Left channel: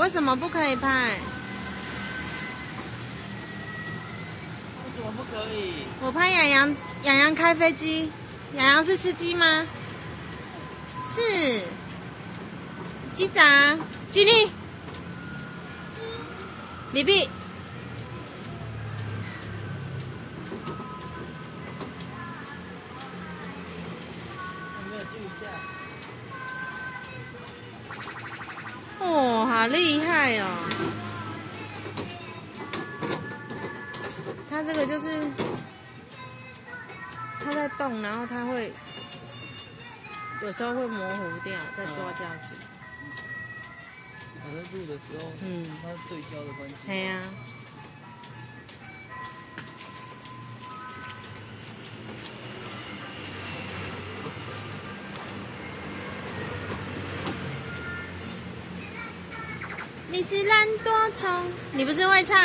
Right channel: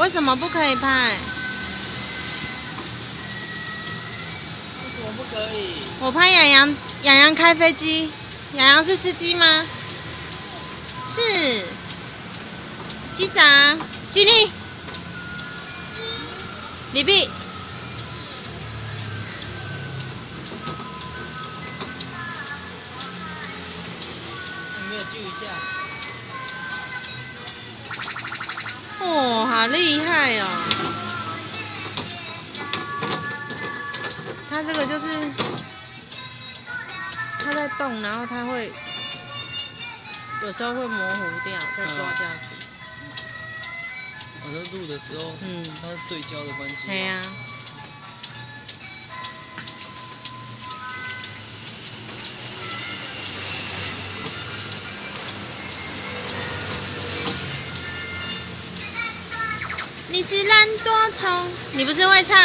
为什么不可以拍？为什么不可以？我拍洋洋开飞机。洋洋是司机吗？是。机长，起立。礼毕。有没有救一下？哦，好厉害哦！它这个就是它在动，然后它会有时候会模糊掉，可以说这样。好像录的时候，它是对焦的关系。对呀。你是蓝多虫，你不是会唱？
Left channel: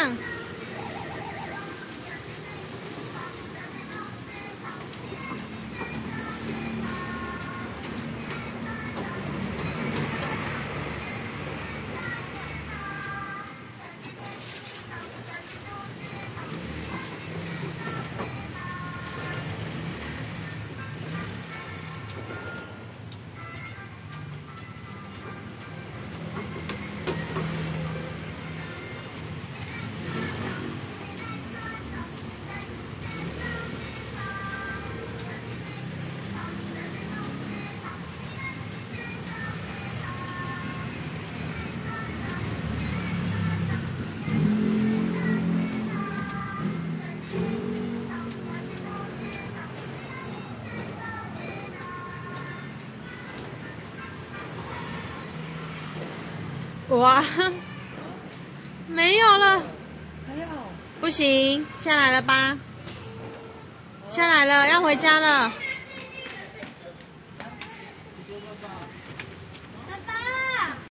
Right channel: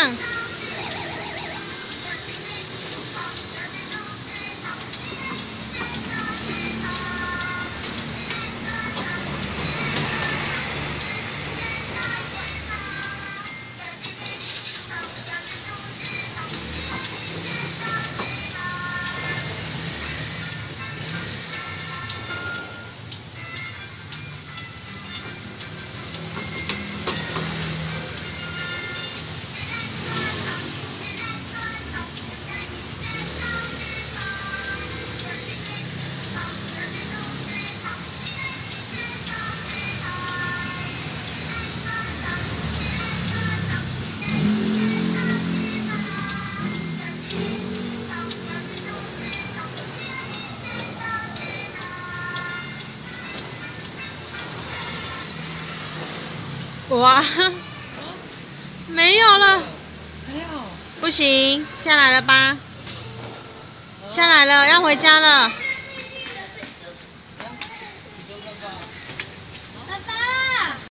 哇！